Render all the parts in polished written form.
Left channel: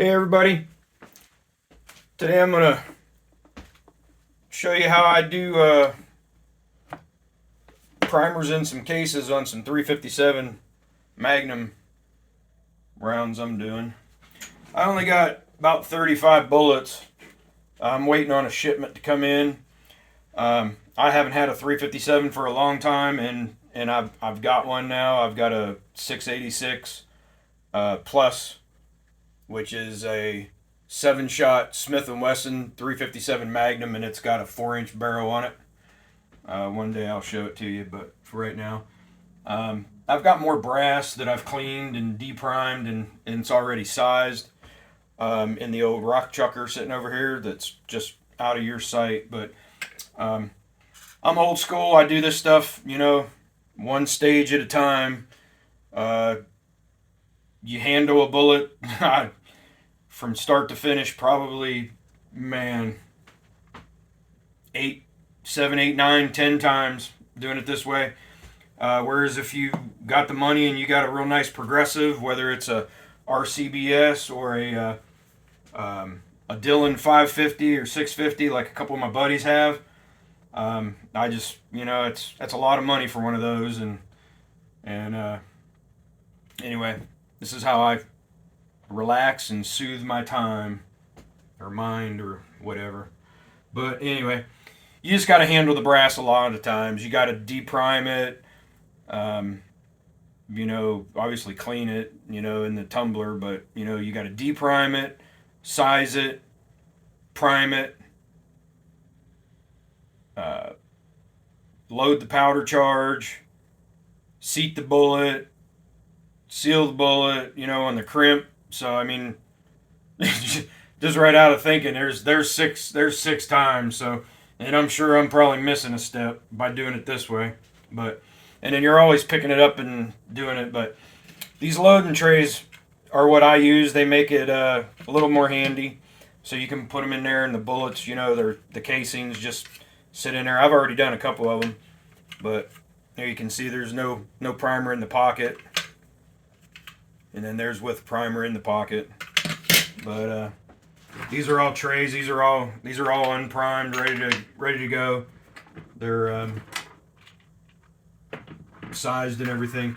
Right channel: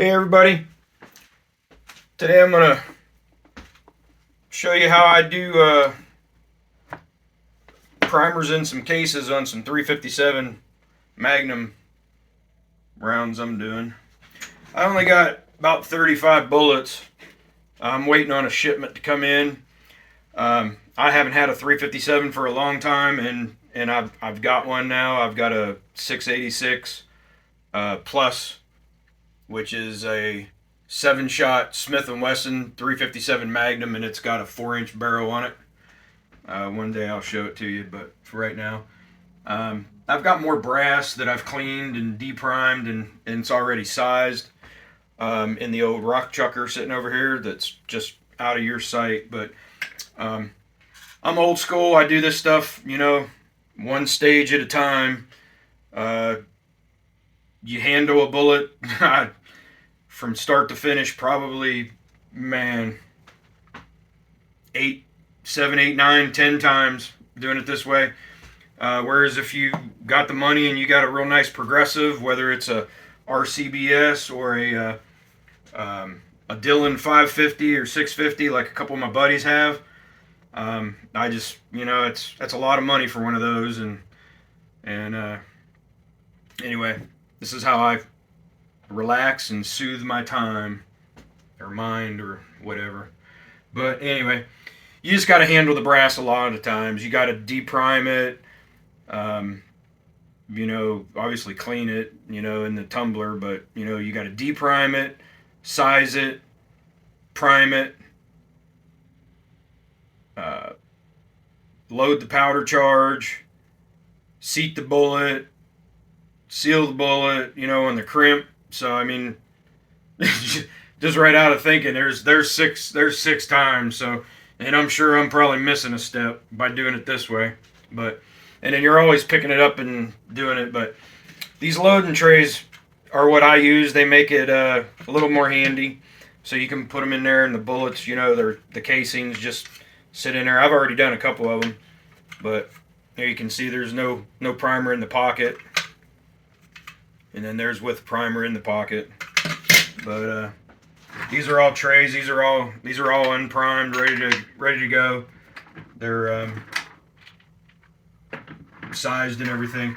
Hey everybody, today I'm gonna show you how I do primers in some cases on some 357 Magnum rounds I'm doing. I only got about 35 bullets. I'm waiting on a shipment to come in. I haven't had a 357 for a long time, and I've got one now. I've got a 686 plus, which is a 7-shot Smith & Wesson 357 Magnum, and it's got a 4-inch barrel on it. One day I'll show it to you, but for right now, I've got more brass that I've cleaned and deprimed, and it's already sized in the old rock chucker sitting over here that's just out of your sight. But I'm old school. I do this stuff, one stage at a time. You handle a bullet from start to finish, probably, man, 8, 7, 8, 9, 10 times doing it this way. Whereas if you got the money and you got a real nice progressive, whether it's a RCBS or a Dillon 550 or 650, like a couple of my buddies have, I just, that's a lot of money for one of those. And anyway, this is how I relax and soothe my time or mind or whatever. But anyway, you just got to handle the brass a lot of the times. You got to deprime it, obviously clean it, in the tumbler, but, you got to deprime it, size it, prime it, load the powder charge, seat the bullet, seal the bullet, on the crimp. So I mean, just right out of thinking, there's six times. So, and I'm sure I'm probably missing a step by doing it this way. But and then you're always picking it up and doing it. But these loading trays are what I use. They make it a little more handy, so you can put them in there, and the bullets, the casings just sit in there. I've already done a couple of them, but here you can see there's no primer in the pocket. And then there's with primer in the pocket. But these are all trays. These are all unprimed, ready to go. They're sized and everything.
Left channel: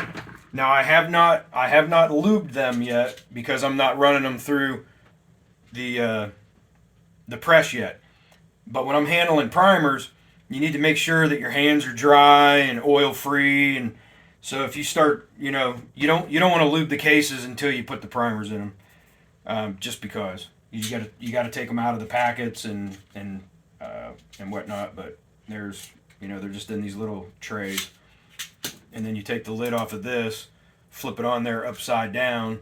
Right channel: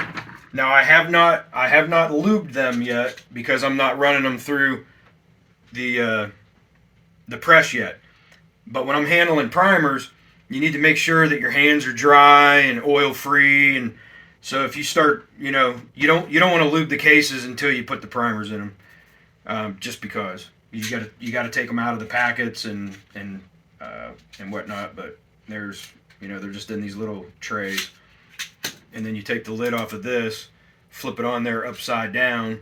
Now I have not lubed them yet because I'm not running them through the press yet. But when I'm handling primers, you need to make sure that your hands are dry and oil free. And so if you start, you don't want to lube the cases until you put the primers in them, just because you got to take them out of the packets and whatnot. But they're just in these little trays, and then you take the lid off of this, flip it on there upside down,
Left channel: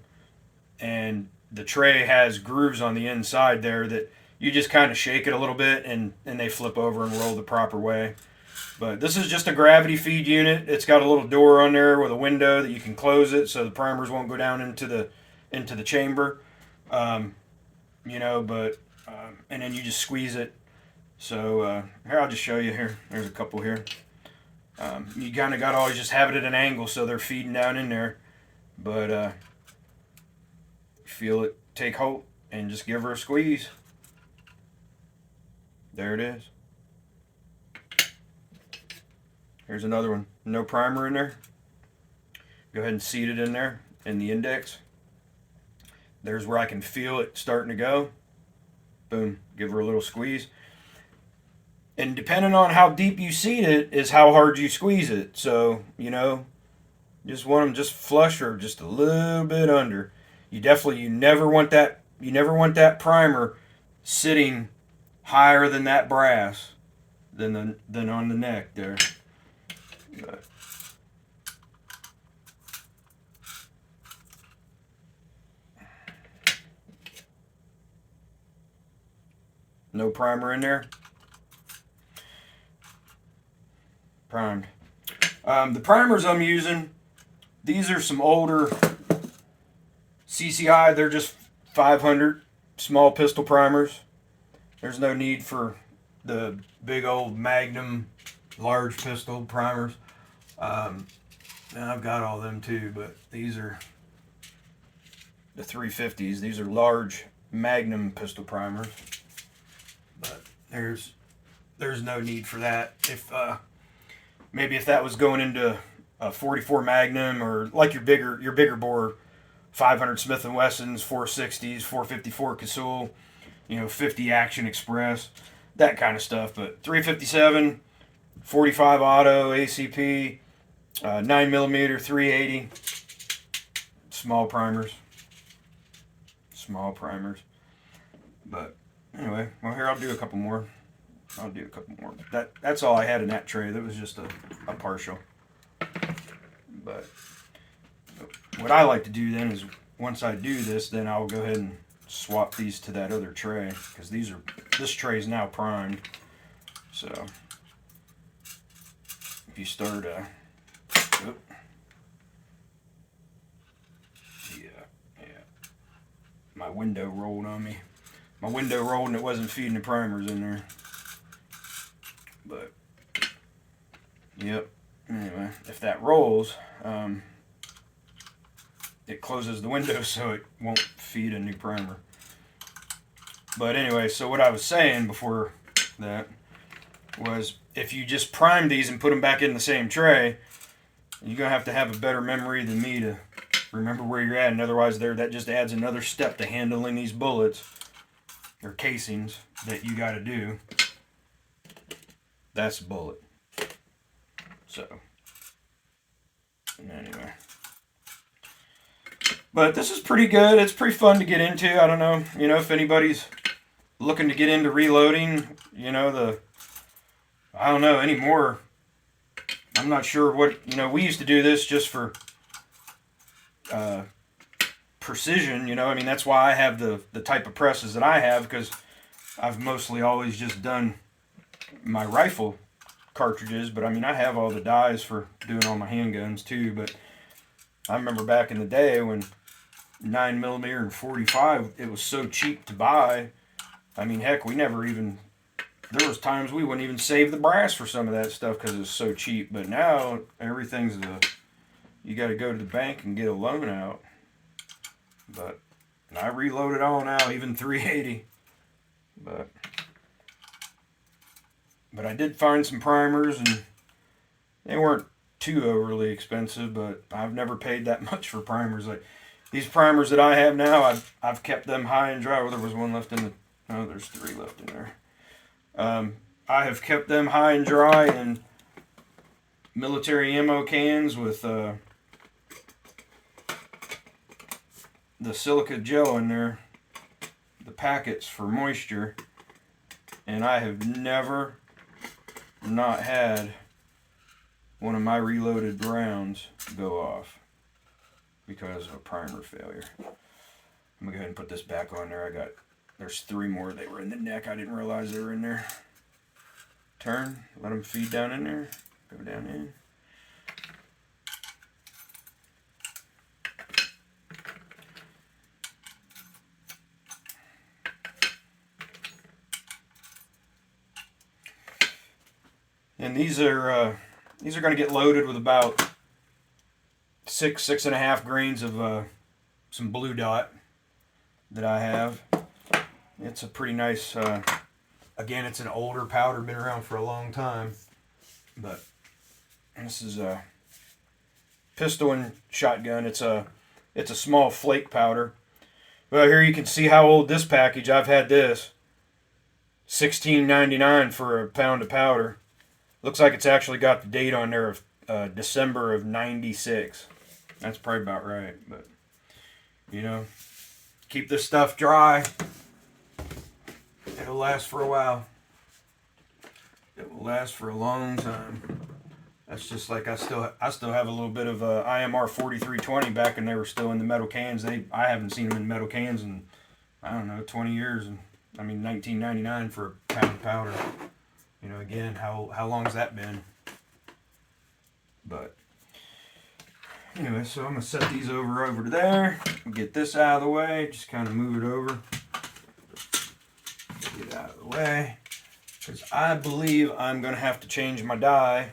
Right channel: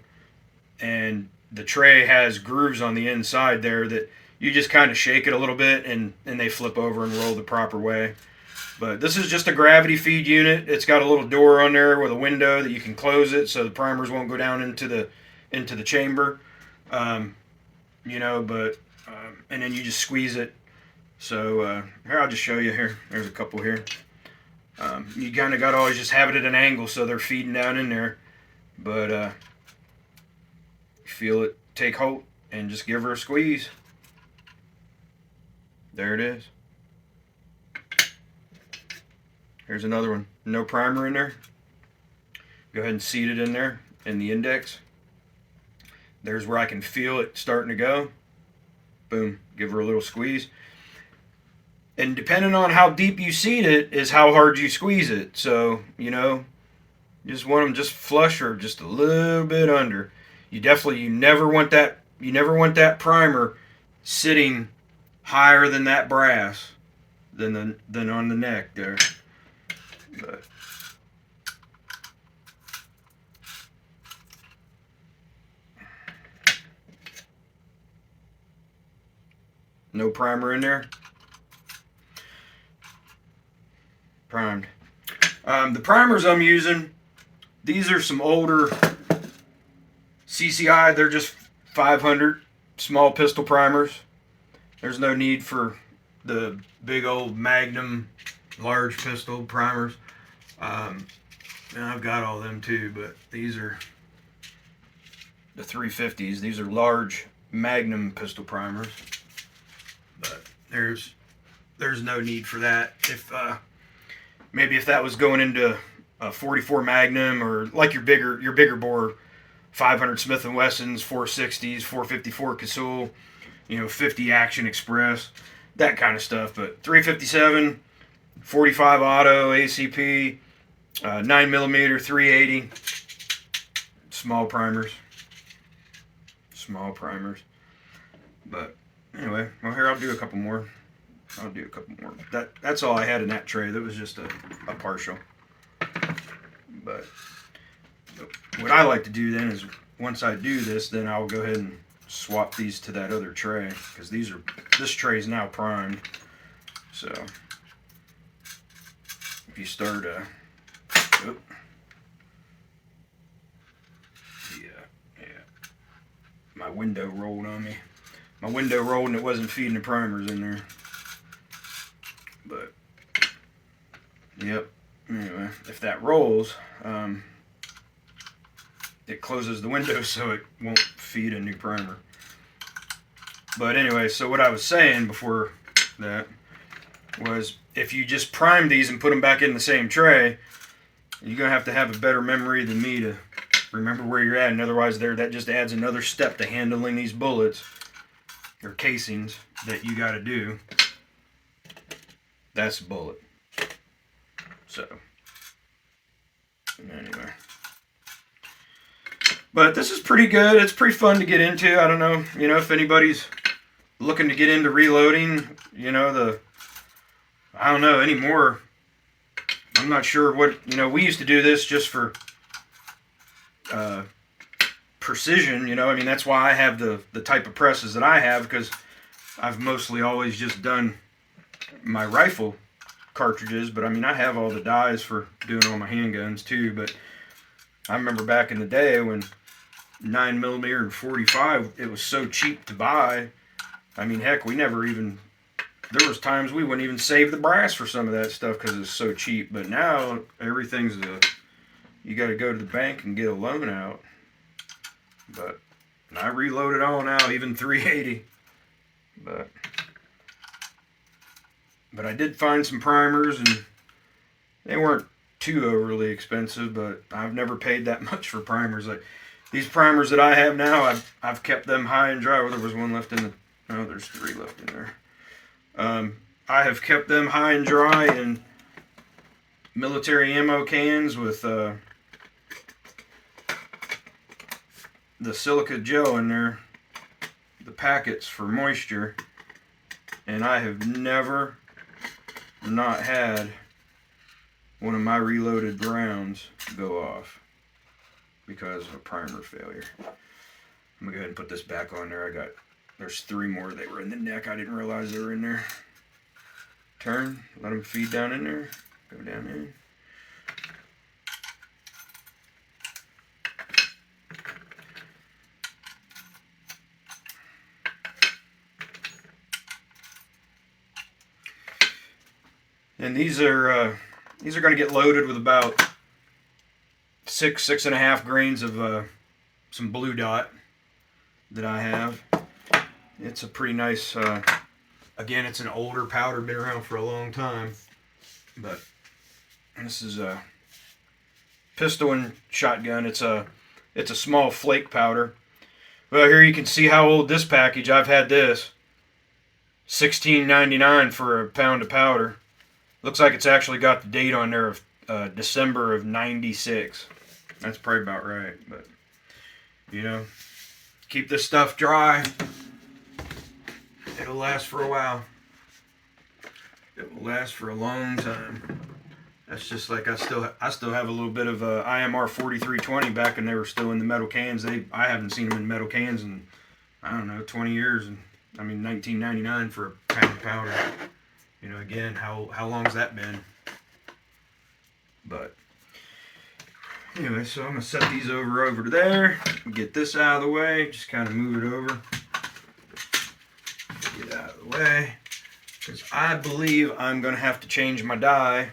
and the tray has grooves on the inside there that you just kind of shake it a little bit, and they flip over and roll the proper way. But this is just a gravity feed unit. It's got a little door on there with a window that you can close it so the primers won't go down into the chamber. And then you just squeeze it. So here, I'll just show you here. There's a couple here. You kind of got to always just have it at an angle so they're feeding down in there. But feel it take hold and just give her a squeeze. There it is. Here's another one. No primer in there. Go ahead and seat it in there in the index. There's where I can feel it starting to go. Boom. Give her a little squeeze. And depending on how deep you seat it is how hard you squeeze it. So, just want them just flush or just a little bit under. You never want that primer sitting higher than that brass than on the neck there. But no primer in there. Primed. The primers I'm using, these are some older CCI. They're just 500 small pistol primers. There's no need for the big old Magnum large pistol primers. And I've got all of them too, but these are the 350s. These are large Magnum pistol primers, but there's no need for that. If maybe if that was going into a 44 Magnum, or like your bigger bore 500 Smith & Wessons, 460s, 454 Casull, 50 Action Express, that kind of stuff. But 357, 45 Auto, ACP, 9mm, 380, small primers. But anyway, well, here I'll do a couple more. That's all I had in that tray. That was just a partial. But what I like to do then is, once I do this, then I'll go ahead and swap these to that other tray, because this tray is now primed. So if you start my window rolled on me. My window rolled and it wasn't feeding the primers in there. But yep. Anyway, if that rolls, it closes the window so it won't feed a new primer. But anyway, so what I was saying before that was, if you just prime these and put them back in the same tray, you're going to have a better memory than me to remember where you're at. And otherwise, that just adds another step to handling these bullets or casings that you got to do. That's a bullet. So anyway, but this is pretty good. It's pretty fun to get into. I don't know, if anybody's looking to get into reloading, I don't know anymore. I'm not sure what, we used to do this just for precision, that's why I have the type of presses that I have, because I've mostly always just done my rifle cartridges. But I have all the dies for doing all my handguns too. But I remember back in the day when 9mm and 45, it was so cheap to buy. Heck, there was times we wouldn't even save the brass for some of that stuff because it's so cheap. But now everything's you got to go to the bank and get a loan out. But I reload it all now, even 380. But I did find some primers, and they weren't too overly expensive, but I've never paid that much for primers. Like these primers that I have now, I've kept them high and dry. Well, there was one left in the... Oh, there's 3 left in there. I have kept them high and dry in military ammo cans with the silica gel in there, the packets for moisture, and I have never not had one of my reloaded rounds go off because of a primer failure. I'm gonna go ahead and put this back on there. There's 3 more. They were in the neck. I didn't realize they were in there. Turn, let them feed down in there. Go down in. And these are going to get loaded with about 6.5 grains of some blue dot that I have. It's a pretty nice. Again, it's an older powder, been around for a long time. But this is a pistol and shotgun. It's a small flake powder. Well, here you can see how old this package. I've had this. $16.99 for a pound of powder. Looks like it's actually got the date on there of December of '96. That's probably about right. But, keep this stuff dry. It'll last for a while. It will last for a long time. That's just like I still have a little bit of IMR 4320 back, and they were still in the metal cans. I haven't seen them in metal cans in, I don't know, 20 years. And 1999 for a pound of powder. Again, how long's that been? But anyway, so I'm gonna set these over to there. Get this out of the way. Just kind of move it over. Get out of the way, because I believe I'm gonna have to change my die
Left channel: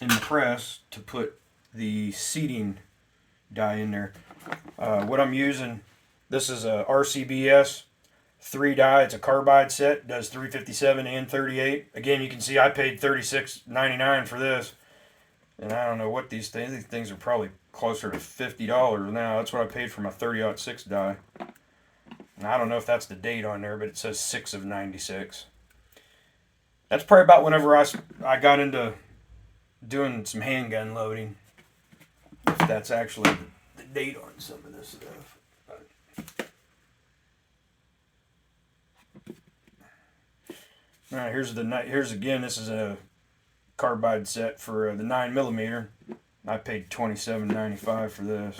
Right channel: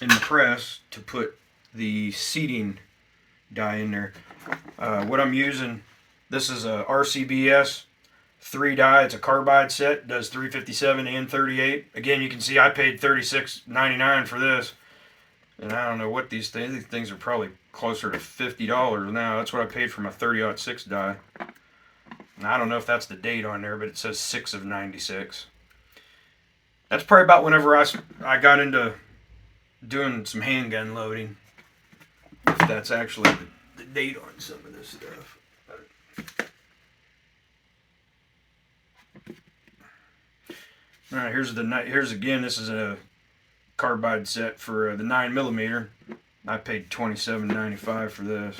in the press to put the seating die in there. What I'm using This is a RCBS 3 die. It's a carbide set. Does 357 and 38. Again, you can see I paid $36.99 for this, and I don't know what these things. These things are probably closer to $50 now. That's what I paid for my 30-06 die. And I don't know if that's the date on there, but it says 6 of 96. That's probably about whenever I got into doing some handgun loading. If that's actually the date on some of this stuff. All right, here's again. This is a carbide set for the 9mm. I paid $27.95 for this.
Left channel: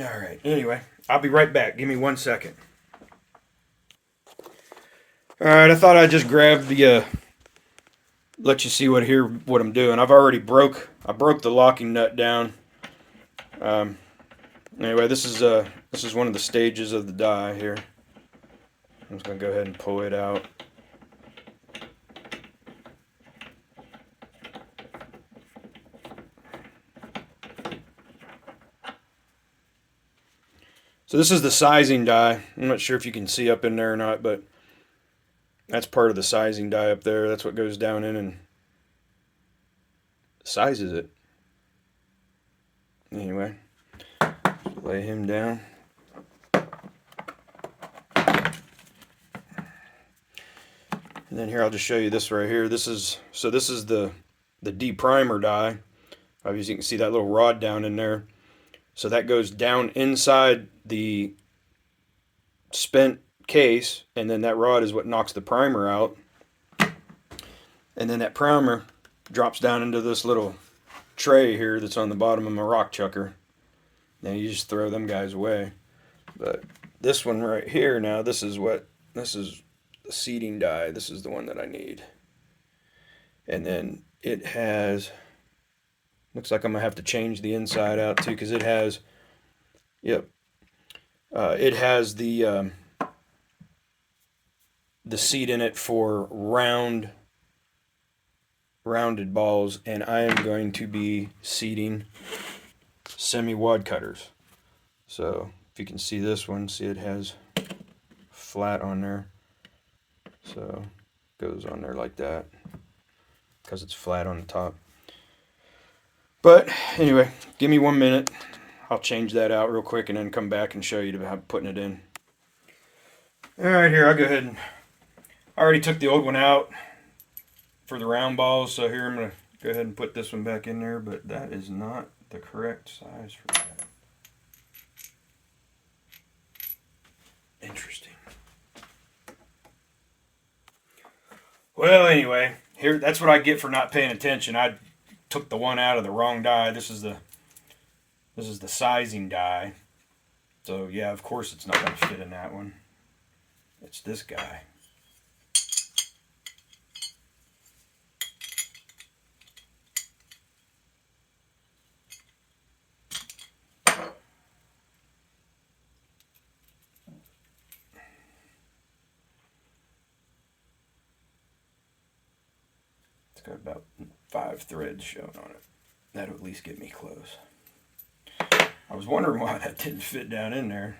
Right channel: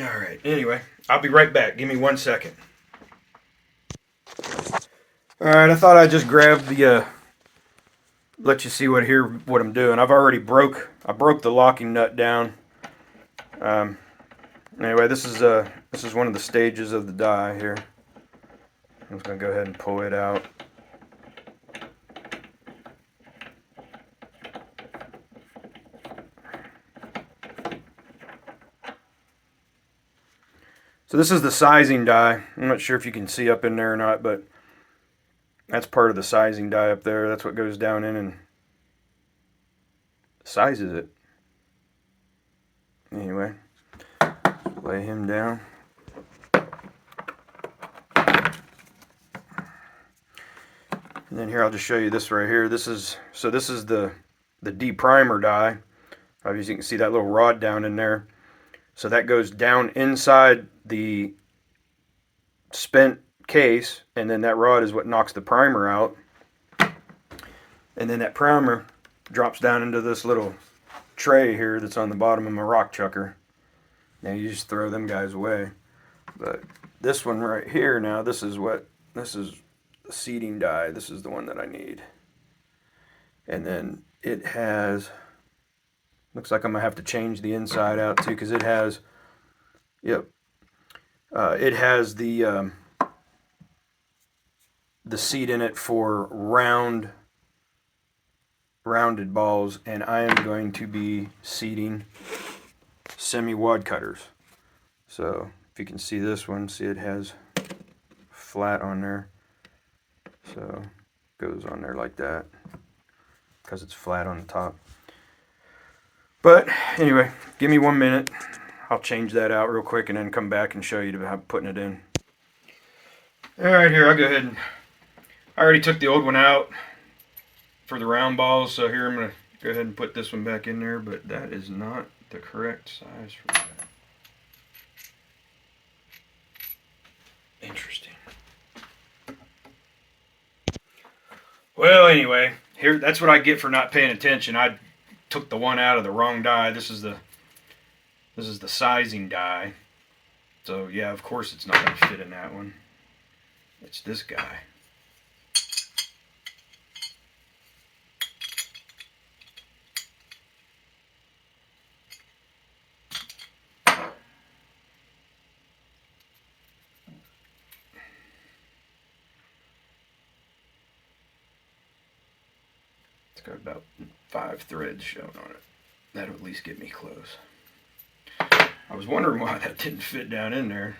All right. Anyway, I'll be right back. Give me 1 second. All right. I thought I'd just grab the let you see what I'm doing. I've already broke the locking nut down. Anyway, this is one of the stages of the die here. I'm just gonna go ahead and pull it out. So this is the sizing die. I'm not sure if you can see up in there or not, but that's part of the sizing die up there. That's what goes down in and sizes it. Anyway, lay him down. And then here I'll just show you this right here. This is the deprimer die. Obviously you can see that little rod down in there. So that goes down inside the spent case, and then that rod is what knocks the primer out. And then that primer drops down into this little tray here that's on the bottom of my rock chucker. Now you just throw them guys away. But this one right here now, this is the seating die. This is the one that I need. And then it has, looks like I'm gonna have to change the inside out too, because it has, it has the seat in it for rounded balls, and I am going to be seating semi-wad cutters. So if you can see this one, see it has flat on there. So it goes on there like that because it's flat on the top. But anyway, give me 1 minute. I'll change that out real quick and then come back and show you how putting it in. All right, here, I'll go ahead and I already took the old one out for the round balls, so here I'm going to go ahead and put this one back in there, but that is not the correct size for that. Interesting. Well, anyway, here, that's what I get for not paying attention. I took the one out of the wrong die. This is the sizing die. So yeah, of course it's not going to fit in that one. It's this guy. It's got about 5 threads shown on it. That'll at least get me close. I was wondering why that didn't fit down in there.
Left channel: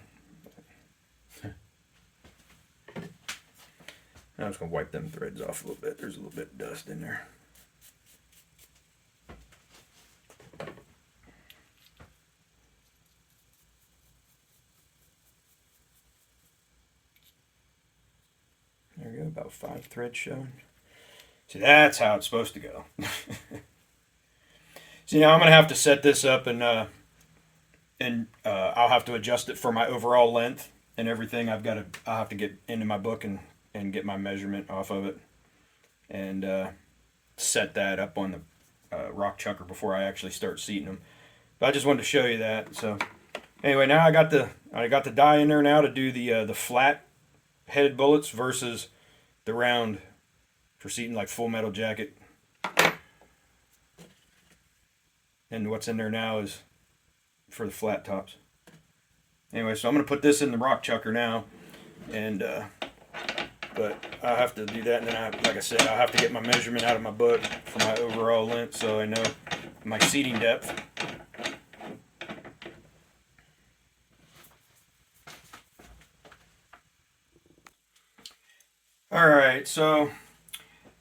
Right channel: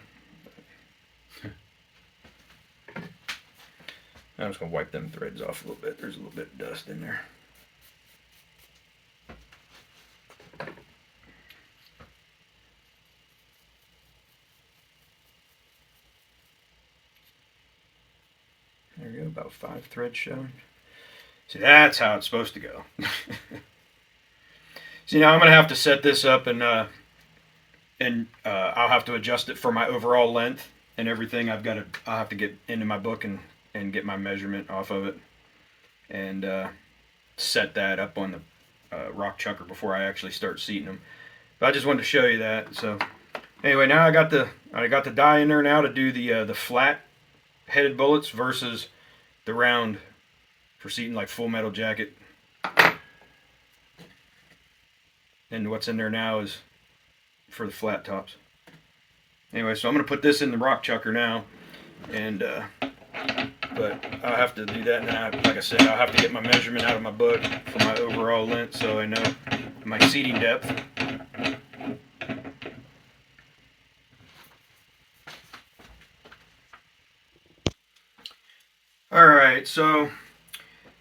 I'm just going to wipe them threads off a little bit. There's a little bit of dust in there. There you go, about 5 threads shown. See, that's how it's supposed to go. See, now I'm going to have to set this up and I'll have to adjust it for my overall length and everything. I'll have to get into my book and get my measurement off of it and set that up on the rock chucker before I actually start seating them. But I just wanted to show you that. So anyway, now I got the die in there now to do the flat headed bullets versus the round for seating like Full Metal Jacket. And what's in there now is for the flat tops. Anyway, so I'm going to put this in the rock chucker now, and but I'll have to do that, and then like I said, I'll have to get my measurement out of my book for my overall length so I know my seating depth. Alright, so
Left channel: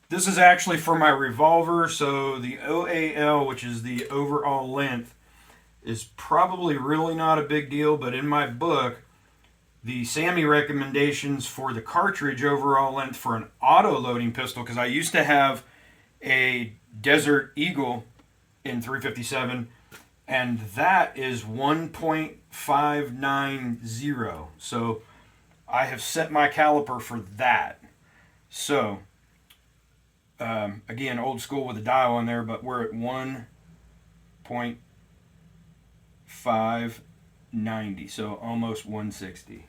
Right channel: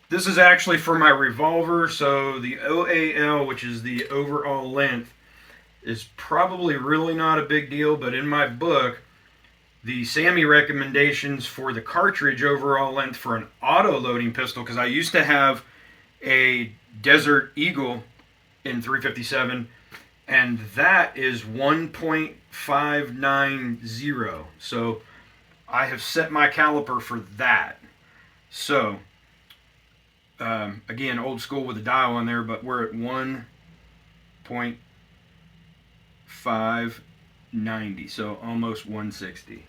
this is actually for my revolver, so the OAL, which is the overall length, is probably really not a big deal, but in my book, the SAMI recommendations for the cartridge overall length for an auto-loading pistol, because I used to have a Desert Eagle in 357, and that is 1.590. So I have set my caliper for that. So, again, old school with the dial on there, but we're at 1.590, so almost 160.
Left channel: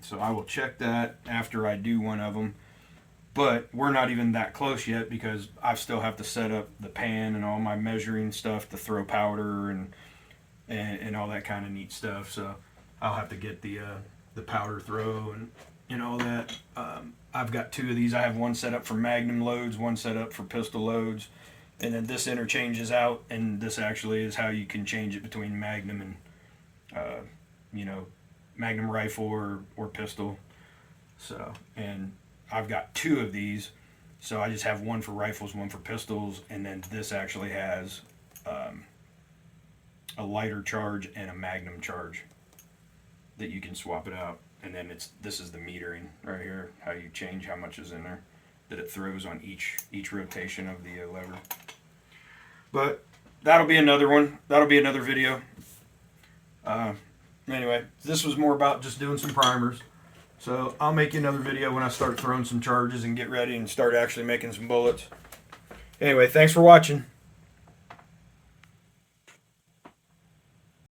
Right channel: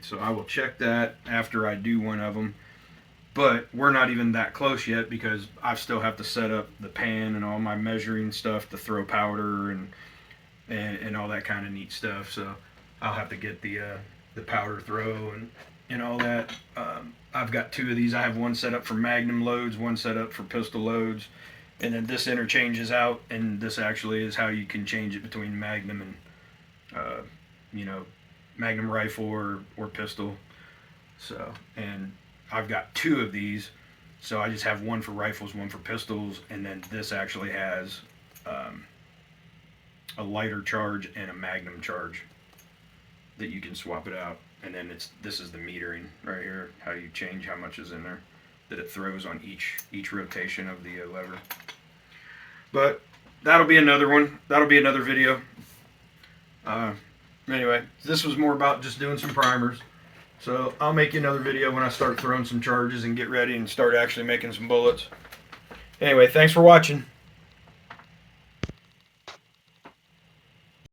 So I will check that after I do one of them. But we're not even that close yet because I still have to set up the pan and all my measuring stuff to throw powder and all that kind of neat stuff. So I'll have to get the powder throw and all that. I've got two of these. I have one set up for Magnum loads, one set up for pistol loads, and then this interchanges out, and this actually is how you can change it between Magnum and Magnum rifle or pistol. So, and I've got two of these, so I just have one for rifles, one for pistols, and then this actually has a lighter charge and a Magnum charge that you can swap it out. And then this is the metering right here, how you change how much is in there that it throws on each rotation of the lever. But that'll be another one. That'll be another video. Anyway, this was more about just doing some primers. So I'll make you another video when I start throwing some charges and get ready and start actually making some bullets. Anyway, thanks for watching.